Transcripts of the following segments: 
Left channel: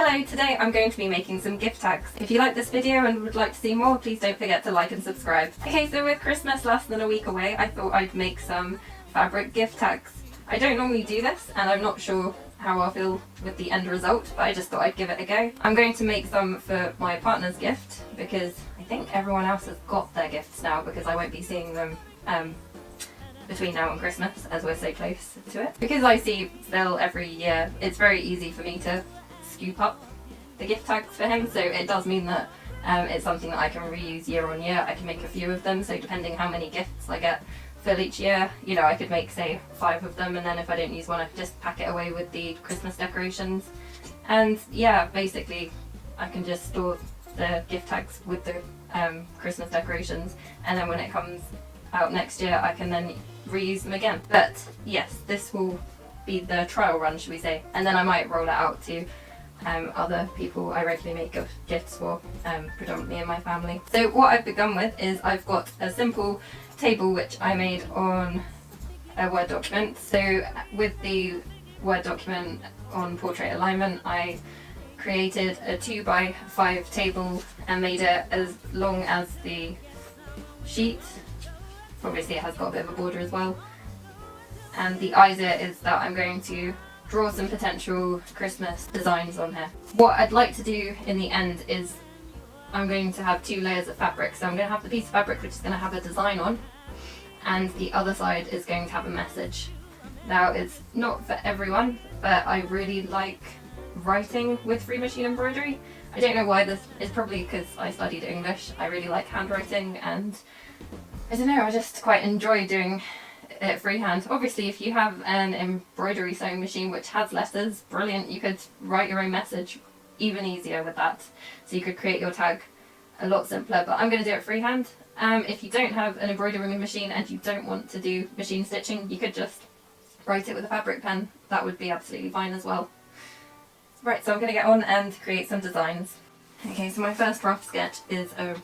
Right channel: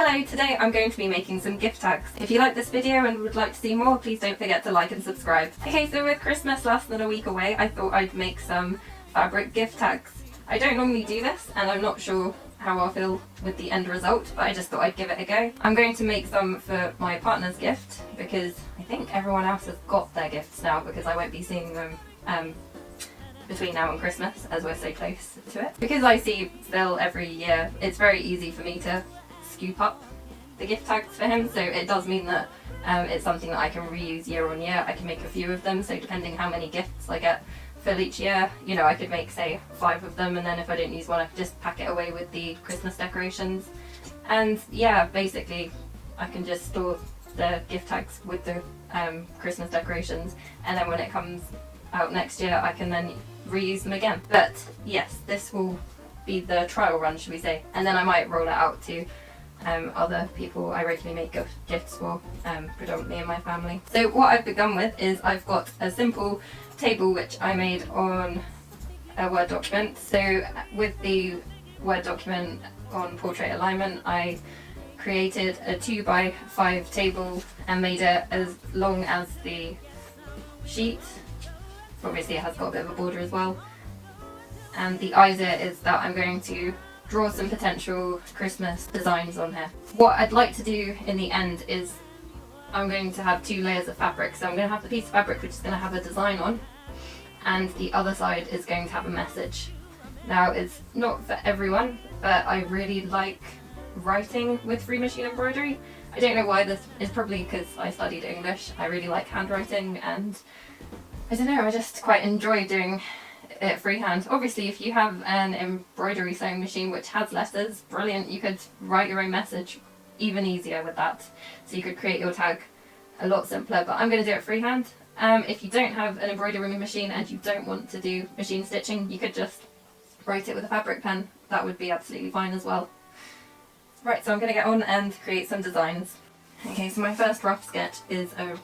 Hello, today I'm going to be making some gift tags. If you like this video and would like to see more, please don't forget to like and subscribe. Okay, so with Christmas less than a week away, I thought I'd make some fabric gift tags. I don't normally do this, and I'm not sure how I'll feel with the end result, but I just thought I'd give it a go. I'm going to make some for my partner's gift, because I think everyone else has got their gifts now, because I won't be seeing them between now and Christmas, as we're so close to it. Because I see Phil every year, it's very easy for me to scoop up the gift tags for him, so it does mean that it's something that I can reuse year on year. I can make a few of them, so depending how many gifts I get for each year, you know, I could make say 5 of them, and then if I didn't use one I could just pack it away with the Christmas decorations. And yeah, basically I can just store the gift tags with the Christmas decorations, and then when it comes out next year I can then reuse them again. But yes, this will be the trial run, should we say, and then I might roll it out to other people I regularly make gifts for, predominantly in my family. So what I've begun with is I've got a simple table which I made on a Word document. So with the Word document on portrait alignment, I created a 2x5 table and made it as long as the sheet. Obviously it has got a bit of a border as well. And the idea is that I'm going to draw some potential Christmas designs on here. What I'd like to do in the end is I'm going to have 2 layers of fabric. So I'm going to have the piece of fabric which is going to have a design on, and the other side is going to have a message. Now, it's not for everyone, but I really like writing with free machine embroidery. I don't know why. This is probably because I studied English. I really like handwriting, and I don't know, I just quite enjoy doing it freehand. Obviously if you have an embroidery sewing machine which has letters, brilliant, you could write your own message even easier with that. So you could create your tag a lot simpler, but I'm going to do it freehand. If you don't have an embroidery machine and you don't want to do machine stitching, you could just write it with a fabric pen. That would be absolutely fine as well. Right, so I'm going to get on and create some designs. Okay, so my first rough sketch is a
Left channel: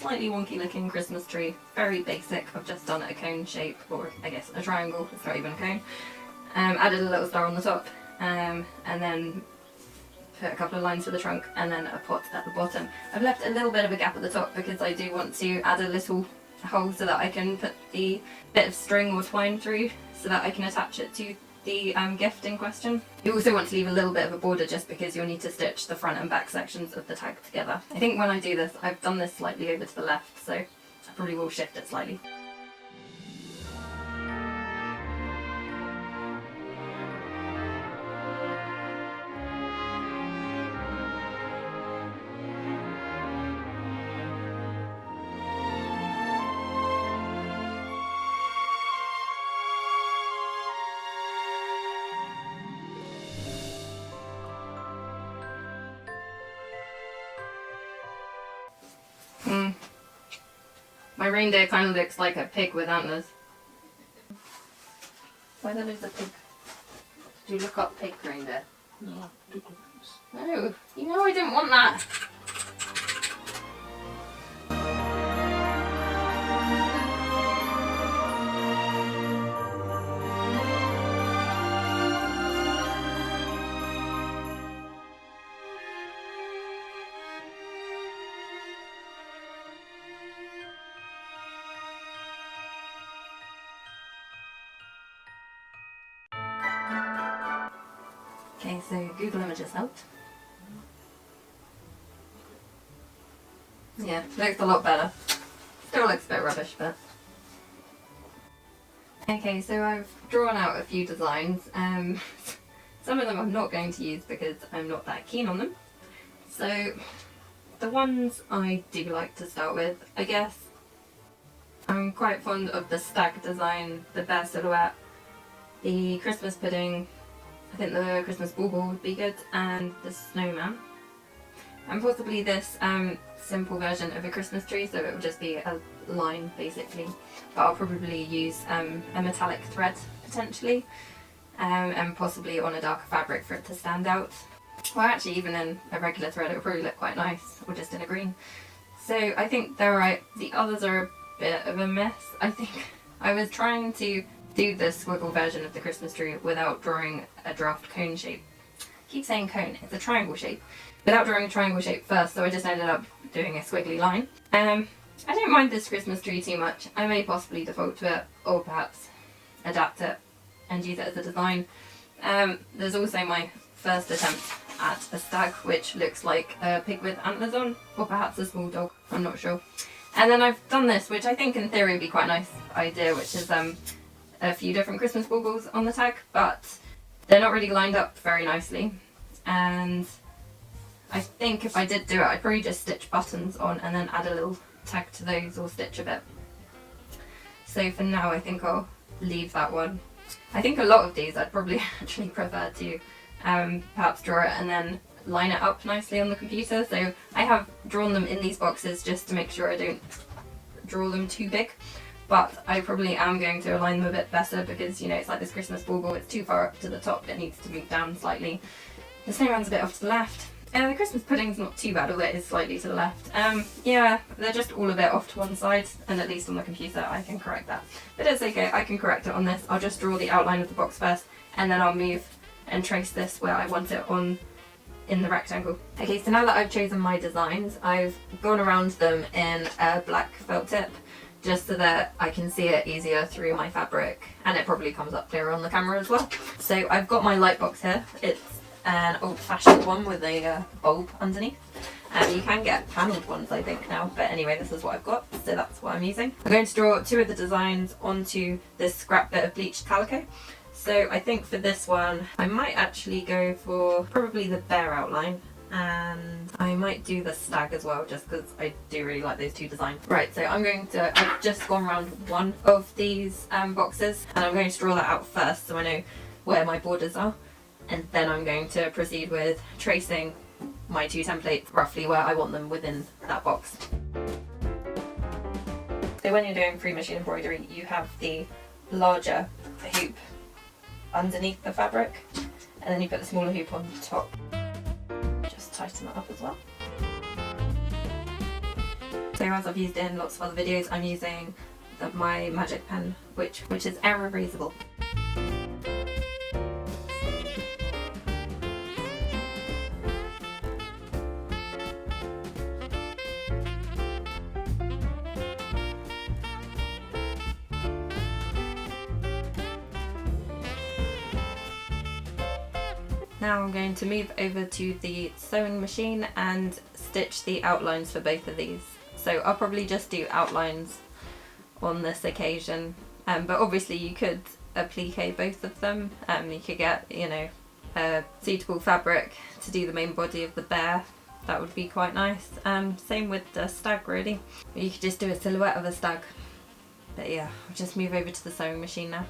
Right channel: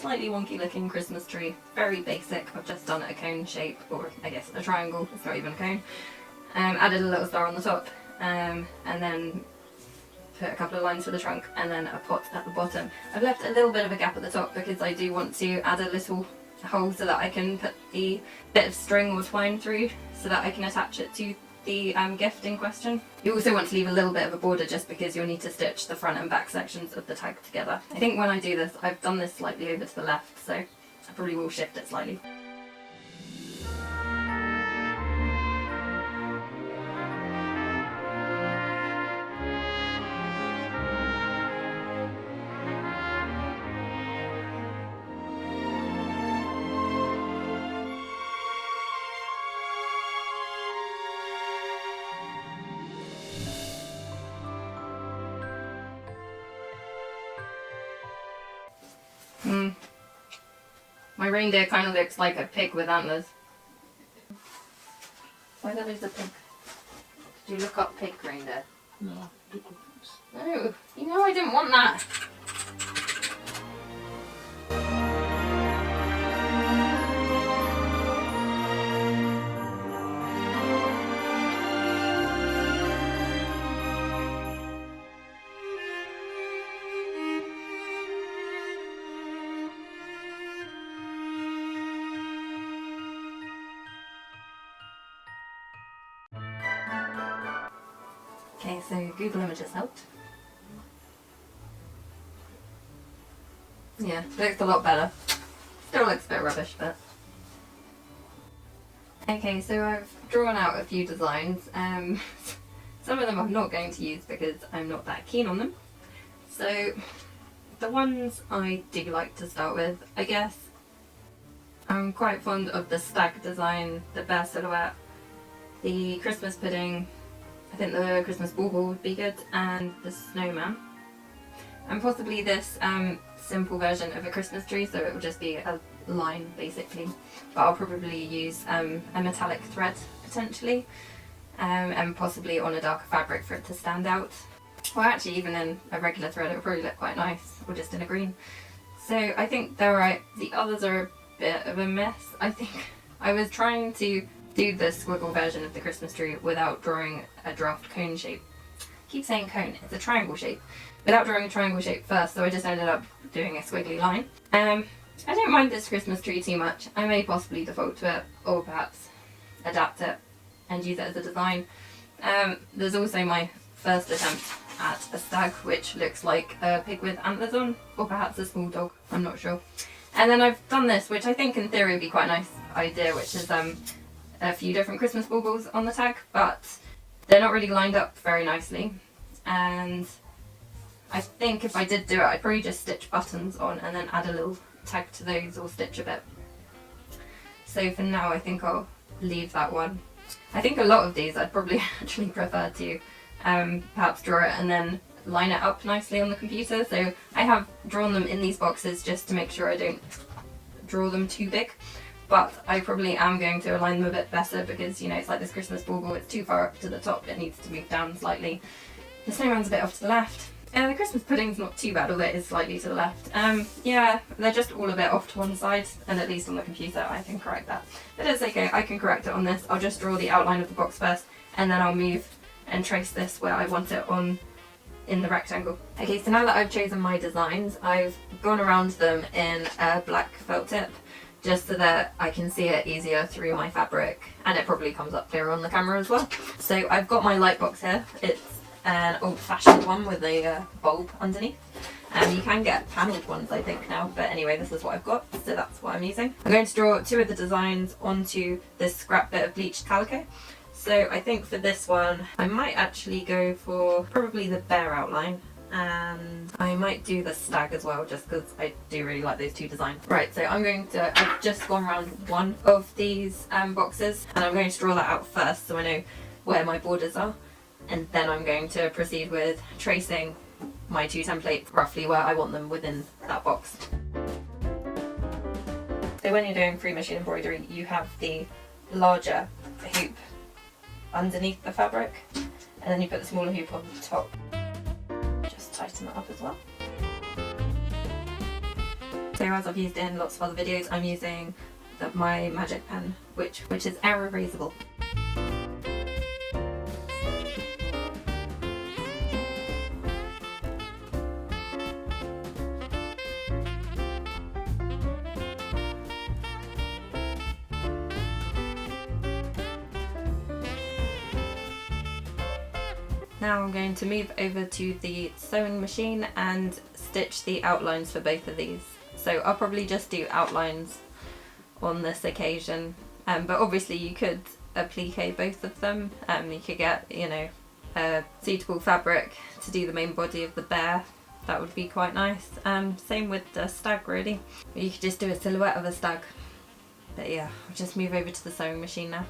slightly wonky looking Christmas tree. Very basic. I've just done it a cone shape, or I guess a triangle. It's not even a cone. Added a little star on the top, and then put a couple of lines for the trunk, and then a pot at the bottom. I've left a little bit of a gap at the top because I do want to add a little hole so that I can put the bit of string or twine through so that I can attach it to the gift in question. You also want to leave a little bit of a border just because you'll need to stitch the front and back sections of the tag together. I think when I do this, I've done this slightly over to the left, so I probably will shift it slightly. My reindeer kind of looks like a pig with antlers. Why that is a pig? Did you look up pig reindeer? No. No, you know I didn't want that. Okay, so Google Images helped. Yeah, looks a lot better. Still looks a bit rubbish, but... Okay, so I've drawn out a few designs. Some of them I'm not going to use because I'm not that keen on them. So, the ones I do like to start with, I guess, I'm quite fond of the stag design, the bear silhouette, the Christmas pudding, I think the Christmas bauble would be good, and the snowman. And possibly this simple version of a Christmas tree, so it will just be a line basically. But I'll probably use a metallic thread potentially, and possibly on a darker fabric for it to stand out. Well, actually even in a regular thread it will probably look quite nice, or just in a green. So I think they're right. The others are a bit of a mess. I think I was trying to do the squiggle version of the Christmas tree without drawing a draft cone shape. keep saying cone, it's a triangle shape, without drawing a triangle shape first, so I just ended up doing a squiggly line. I don't mind this Christmas tree too much. I may possibly default to it, or perhaps adapt it and use it as a design. There's also my first attempt at a stag, which looks like a pig with antlers on, or perhaps a small dog, I'm not sure. And then I've done this, which I think in theory would be quite a nice idea, which is a few different Christmas baubles on the tag, but they're not really lined up very nicely. And I think if I did do it, I'd probably just stitch buttons on and then add a little tag to those, or stitch a bit. So for now, I think I'll leave that one. I think a lot of these I'd probably actually prefer to perhaps draw it and then line it up nicely on the computer. So I have drawn them in these boxes just to make sure I don't draw them too big, but I probably am going to align them a bit better because, you know, it's like this Christmas bauble, it's too far up to the top, it needs to move down slightly. The snowman's a bit off to the left. The Christmas pudding's not too bad, although it is slightly to the left. Yeah, they're just all a bit off to one side, and at least on the computer I can correct that. But it's okay, I can correct it on this. I'll just draw the outline of the box first, and then I'll move and trace this where I want it on in the rectangle. Okay, so now that I've chosen my designs, I've gone around them in a black felt tip, just so that I can see it easier through my fabric, and it probably comes up clearer on the camera as well. So I've got my light box here. It's an old-fashioned one with a bulb underneath. You can get panelled ones, I think, now, but anyway, this is what I've got, so that's what I'm using. I'm going to draw two of the designs onto this scrap bit of bleached calico. So I think for this one, I might actually go for probably the bear outline, and I might do the stag as well, just because I do really like those two designs. Right, so I've just gone around one of these boxes, and I'm going to draw that out first so I know where my borders are. And then I'm going to proceed with tracing my two templates roughly where I want them within that box. So when you're doing free machine embroidery, you have the larger hoop underneath the fabric, and then you put the smaller hoop on top. Just tighten that up as well. So as I've used in lots of other videos, I'm using my magic pen, which is air erasable. Now I'm going to move over to the sewing machine and stitch the outlines for both of these. So I'll probably just do outlines on this occasion, but obviously you could applique both of them. You could get, you know, a suitable fabric to do the main body of the bear. That would be quite nice. Same with the stag really. You could just do a silhouette of a stag. But yeah, I'll just move over to the sewing machine now.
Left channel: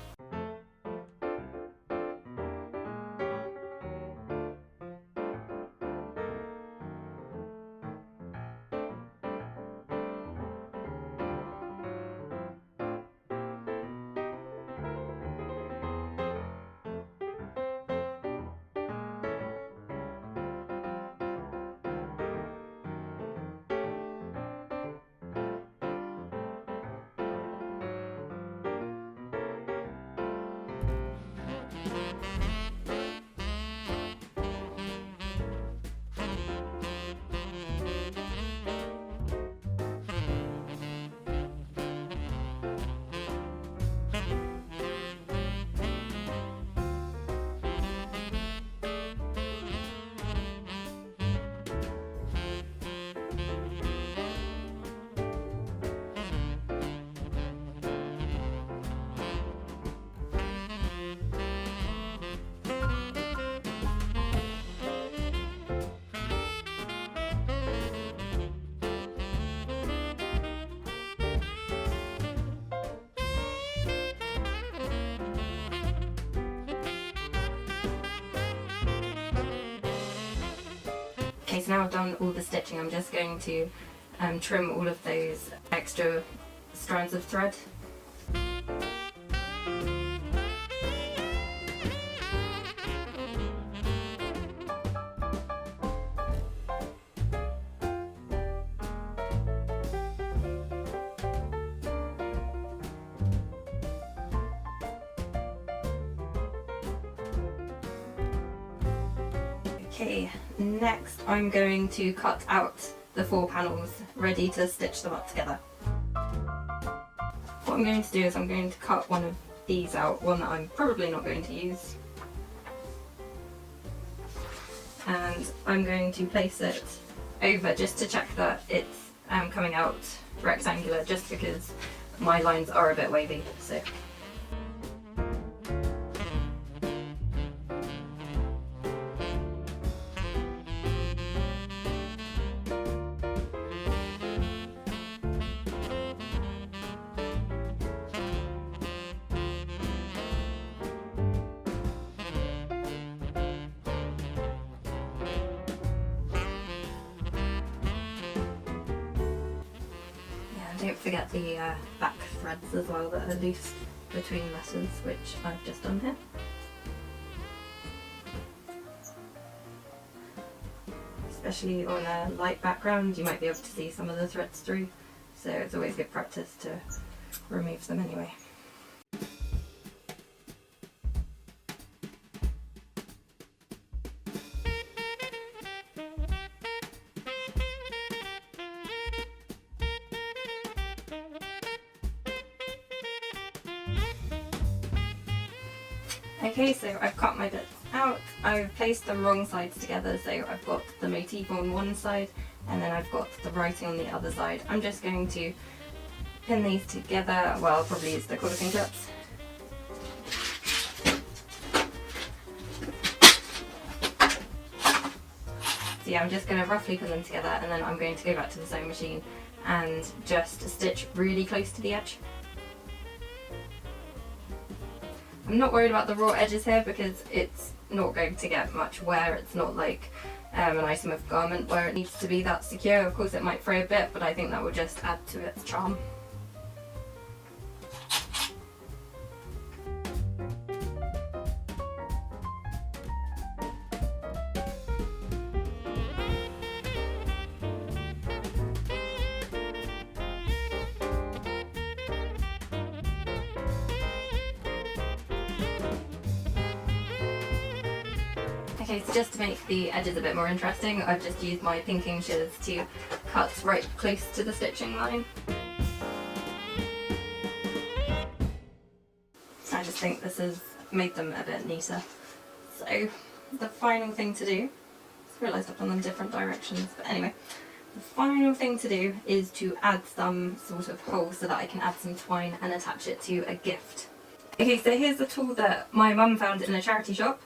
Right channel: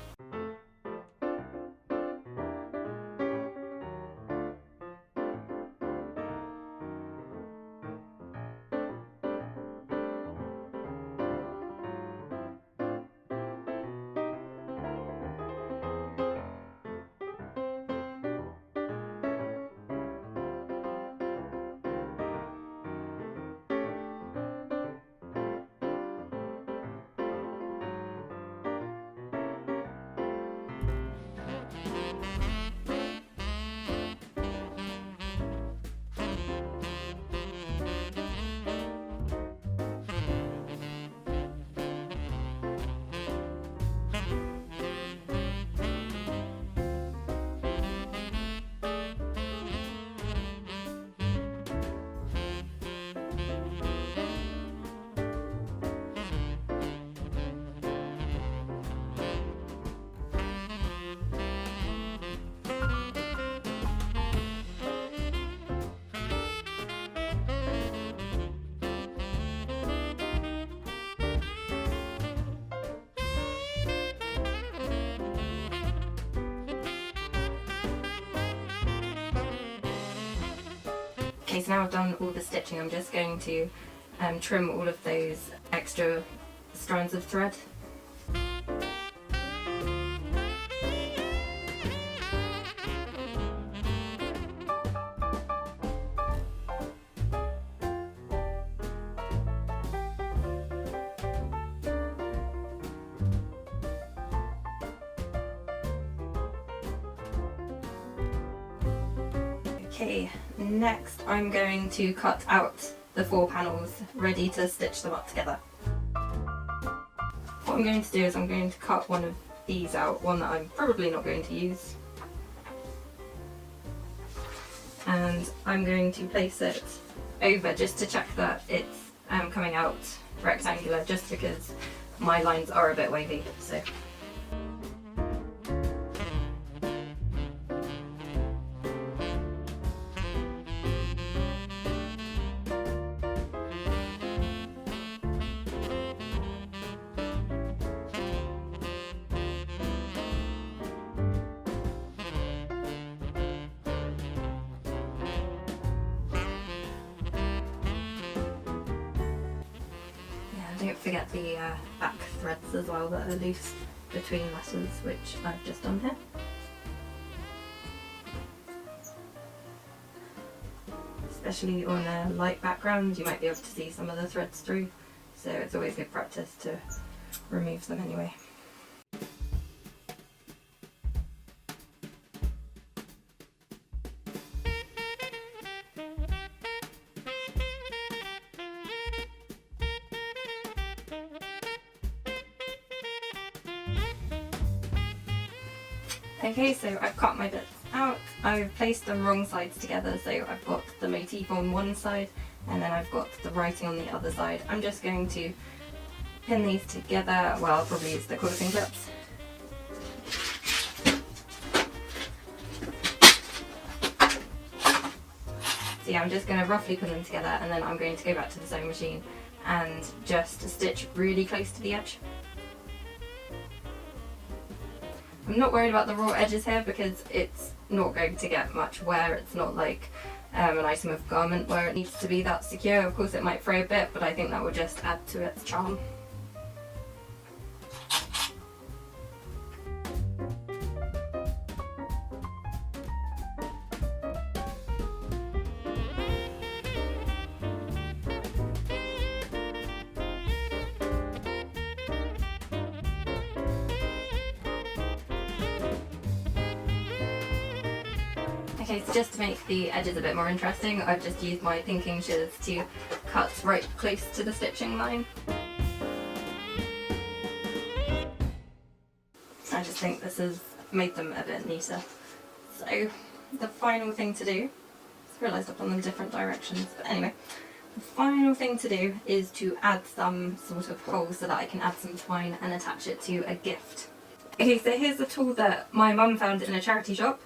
Okay, so now I've done all the stitching, I'm just going to trim all of those extra strands of thread. Okay, next I'm going to cut out the 4 panels, ready to stitch them up together. What I'm going to do is I'm going to cut one of these out, one that I'm probably not going to use. And I'm going to place it over just to check that it's coming out rectangular, just because my lines are a bit wavy. So. Don't forget the back threads as well that are loose between letters, which I've just done here. Especially on a light background, you might be able to see some of the threads through, so it's always good practice to remove them anyway. Okay, so I've cut my bits out. I've placed the wrong sides together, so I've got the motif on one side and then I've got the writing on the other side. I'm just going to pin these together. Well, I'll probably use the quilting clips. So yeah, I'm just going to roughly pin them together and then I'm going to go back to the sewing machine and just stitch really close to the edge. I'm not worried about the raw edges here because it's not going to get much wear. It's not like an item of garment where it needs to be that secure. Of course it might fray a bit, but I think that will just add to its charm. Okay, so just to make the edges a bit more interesting, I've just used my pinking shears to cut right close to the stitching line. I just think this has made them a bit neater. So the final thing to do, I realised I've done them different directions, but anyway, the final thing to do is to add some sort of hole so that I can add some twine and attach it to a gift. Okay, so here's a tool that my mum found in a charity shop.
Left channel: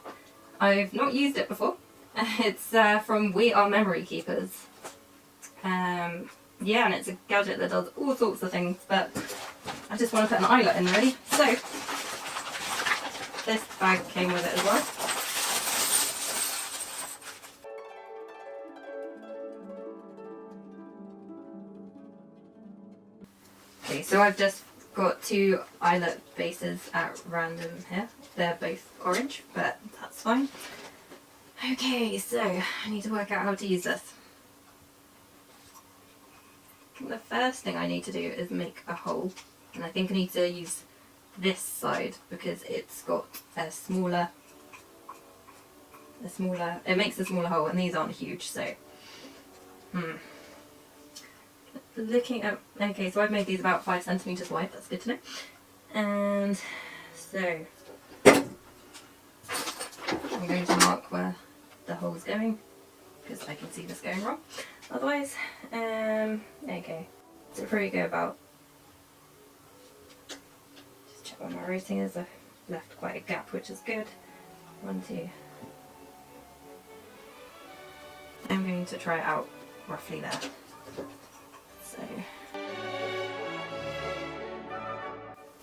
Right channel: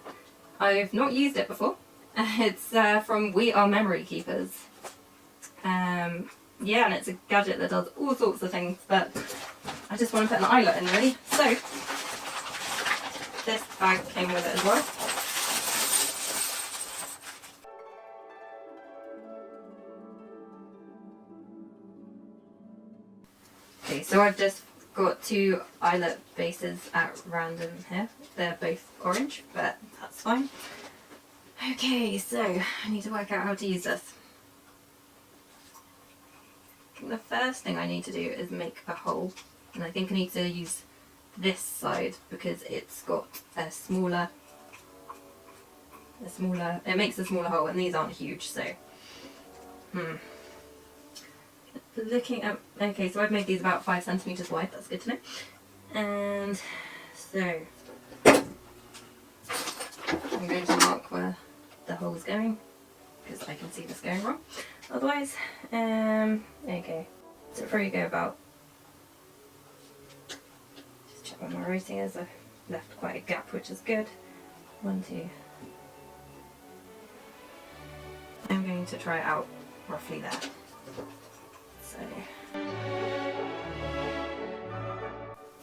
I've not used it before. It's from We Are Memory Keepers. Yeah, and it's a gadget that does all sorts of things, but I just want to put an eyelet in really. So, this bag came with it as well. Okay, so I've just got 2 eyelet bases at random here. They're both orange, but that's fine. Okay, so I need to work out how to use this. The first thing I need to do is make a hole, and I think I need to use this side because it's got a smaller, it makes a smaller hole, and these aren't huge, so looking at, okay, so I've made these about 5 centimeters wide, that's good to know. And so I'm going to mark where the hole's going because I can see this going wrong otherwise. Okay, so before you go about, just check what my routing is. I've left quite a gap, which is good. 1, 2. I'm going to try it out roughly there.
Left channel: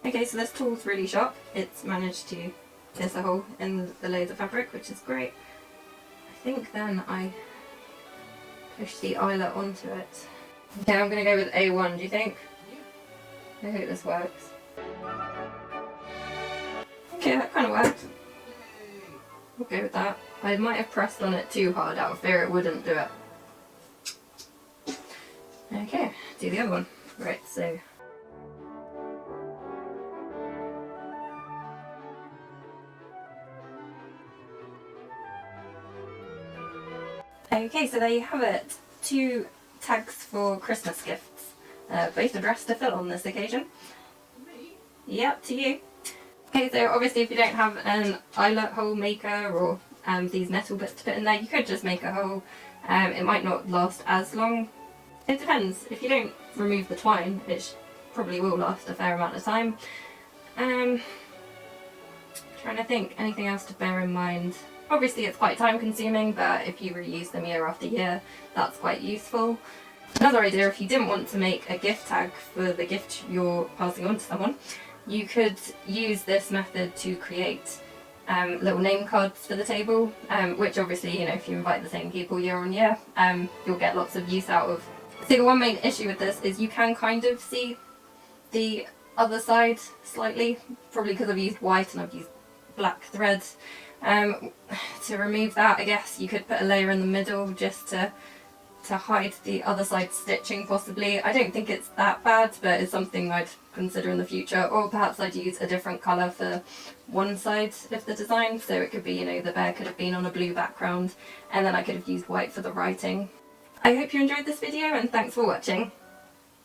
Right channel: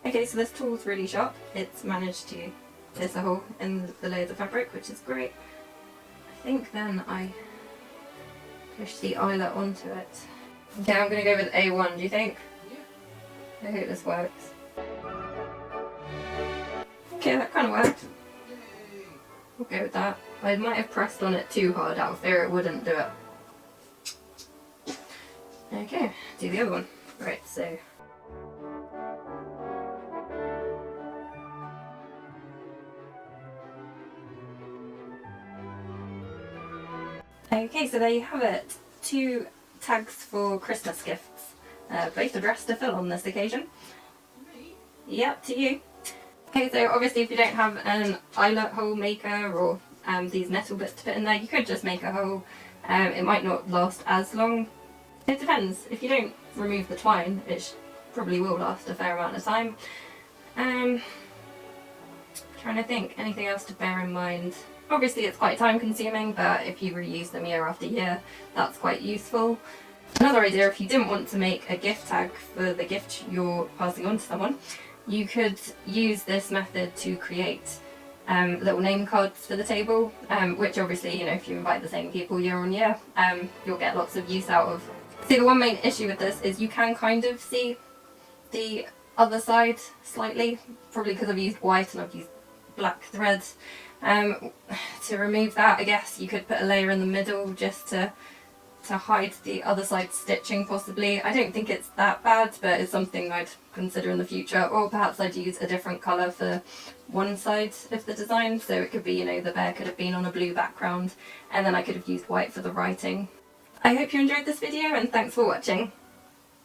Okay, so this tool's really sharp. It's managed to pierce a hole in the layers of fabric, which is great. I think then I push the eyelet onto it. Okay, I'm going to go with A1, do you think? Yeah. I hope this works. Okay, that kind of worked. We'll go with that. I might have pressed on it too hard out of fear it wouldn't do it. Okay, do the other one. Right, so Okay, so there you have it. 2 tags for Christmas gifts, both addressed to Phil on this occasion. Yeah, to you. Okay, so obviously if you don't have an eyelet hole maker or these metal bits to put in there, you could just make a hole. It might not last as long. It depends. If you don't remove the twine, it probably will last a fair amount of time. Trying to think, anything else to bear in mind? Obviously it's quite time consuming, but if you reuse them year after year, that's quite useful. Another idea, if you didn't want to make a gift tag for the gift you're passing on to someone, you could use this method to create little name cards for the table, which obviously, you know, if you invite the same people year on year, you'll get lots of use out of. So the one main issue with this is you can kind of see the other side slightly, probably because I've used white and I've used black thread. To remove that, I guess you could put a layer in the middle just to hide the other side stitching possibly. I don't think it's that bad, but it's something I'd consider in the future. Or perhaps I'd use a different colour for one side of the design, so it could be, you know, the bear could have been on a blue background and then I could have used white for the writing. I hope you enjoyed this video and thanks for watching.